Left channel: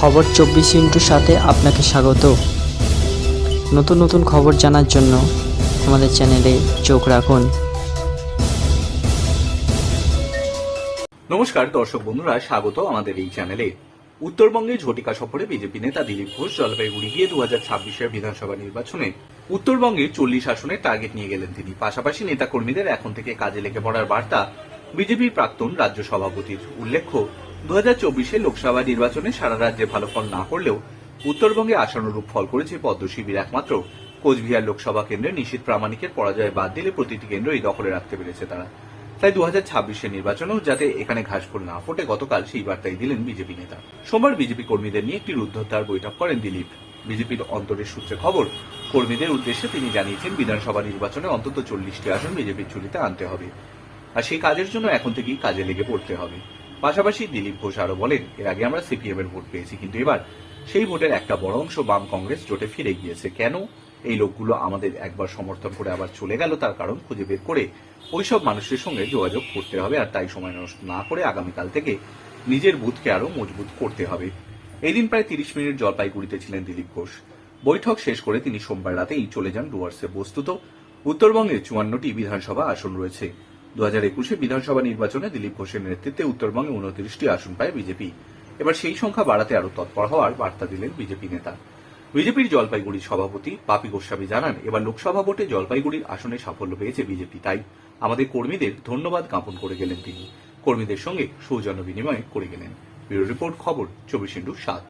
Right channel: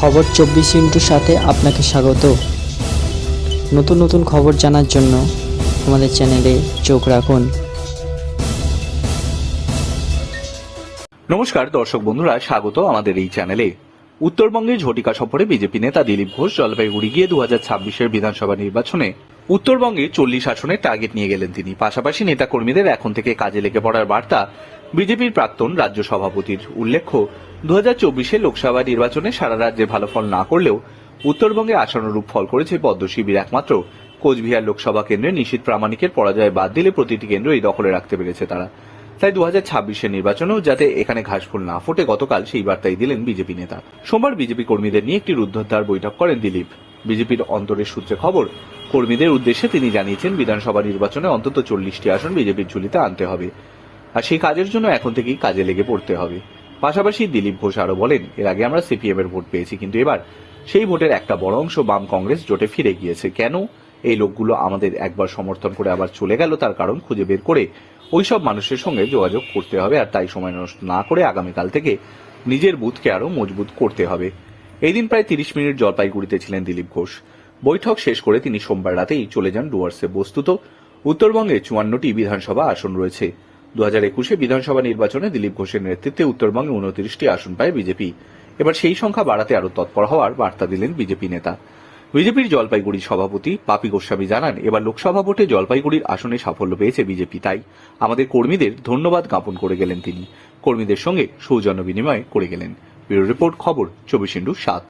খবর চব্বিশ ইন্টুর সাথে আপনাকে স্বাগত। নতুন নতুন খবর জানার জন্য আমাদের চ্যানেলে চোখ রাখুন। নমস্কার, দর্শক বন্ধুরা, স্বাগত আমাদের এই চ্যানেলে। উত্তরবঙ্গে ঝটিকা সফরে বিজেপি নেতা দিলীপ ঘোষ জলপাইগুড়ি গিয়ে দু হাজার ছাব্বিশের বিধানসভা নির্বাচনে উত্তরবঙ্গে চল্লিশ আসনের টার্গেট নিয়ে গেলেন তিনি। পাশাপাশি নেতাকর্মীদের এখন থেকে কাজে লেগে পড়ার বার্তা বিজেপির প্রাক্তন রাজ্য সভাপতির উল্লেখ্য দু হাজার চব্বিশে লোকসভা নির্বাচনে সারা রাজ্যে ভালো ফল না করলেও উত্তরবঙ্গে আশানুরূপ ফল করেছে পদ্ম শিবির একমাত্র। কোচবিহার লোকসভা কেন্দ্রে নিশীত প্রামাণিকের পরাজয় বাদ দিলে প্রতিটি কেন্দ্র এই দখলে রাখতে পেরেছে তারা। তাই দু হাজার ছাব্বিশের নির্বাচনেও যাতে এখানে ঘাসফুল না ফোটে, গতকাল সেই বার্তাই দিলেন বিজেপি নেতা। সোমবার বিজেপি কর্মীদের নিয়ে একটি রুদ্ধদ্বার বৈঠক করেন দিলীপ। বিজেপির অন্তরের সূত্রে খবর, কর্মীদের উদ্দেশ্যে তিনি জানিয়েছেন, বিধানসভা নির্বাচনে অন্তত চল্লিশটি আসন বিজেপির ঝুলিতে আনতে হবে। আর সেই কাজের জন্য এখন থেকেই কাজে লেগে পড়তে হবে। পাশাপাশি দিলীপ ঘোষ আরও বলেন, এর আগে আমরা সিপিএম এর ভোট পেয়েছি, কিন্তু এবার সেই ভোটের একটা বড় অংশ বাম কংগ্রেস জোটে ফিরে গিয়েছে। কেন? এই লোকগুলো আমাদের একবার সমর্থন করে আবার চলে গেল, তার কারণ খুঁজে বের করে ওইসব মানুষের সঙ্গে যোগাযোগ করতে হবে আর তাই সময় নষ্ট না করে আগামীকাল থেকে নিজের বুথকে আরও মজবুত করতে হবে। এই দিন প্রায় তিরিশ মিনিট জলপাইগুড়িতে ছিলেন দিলীপ ঘোষ। বৈঠক শেষ করে তিনি সোমবার রাতেই চলে যান ডুয়ার্সে। বস্তুত উত্তরবঙ্গে চুয়ান্নটি বিধানসভা আসন রয়েছে। দু হাজার একুশে বিধানসভা নির্বাচনে দিলীপ ঘোষের নেতৃত্বে উত্তরবঙ্গে উনত্রিশটি আসন পায় বিজেপি। এবার সেই সংখ্যা বাড়াতে আরও তৎপর হওয়ার বার্তা দিলেন বিজেপি নেতা। বিজেপির জলপাইগুড়ি সভাপতি পাপি গোস্বামী জানান, এবার লোকসভা ভোটে জলপাইগুড়ির আসনে সাফল্য পেয়েছে বিজেপি, তাই আমাদের কর্মীদের ধন্যবাদ জ্ঞাপন করে গেলেন তিনি। কর্মীদের সঙ্গে সৌজন্য বিনিময় করে গেলেন। ব্যুরো রিপোর্ট, খবর, চব্বিশ ইন্টু সাত।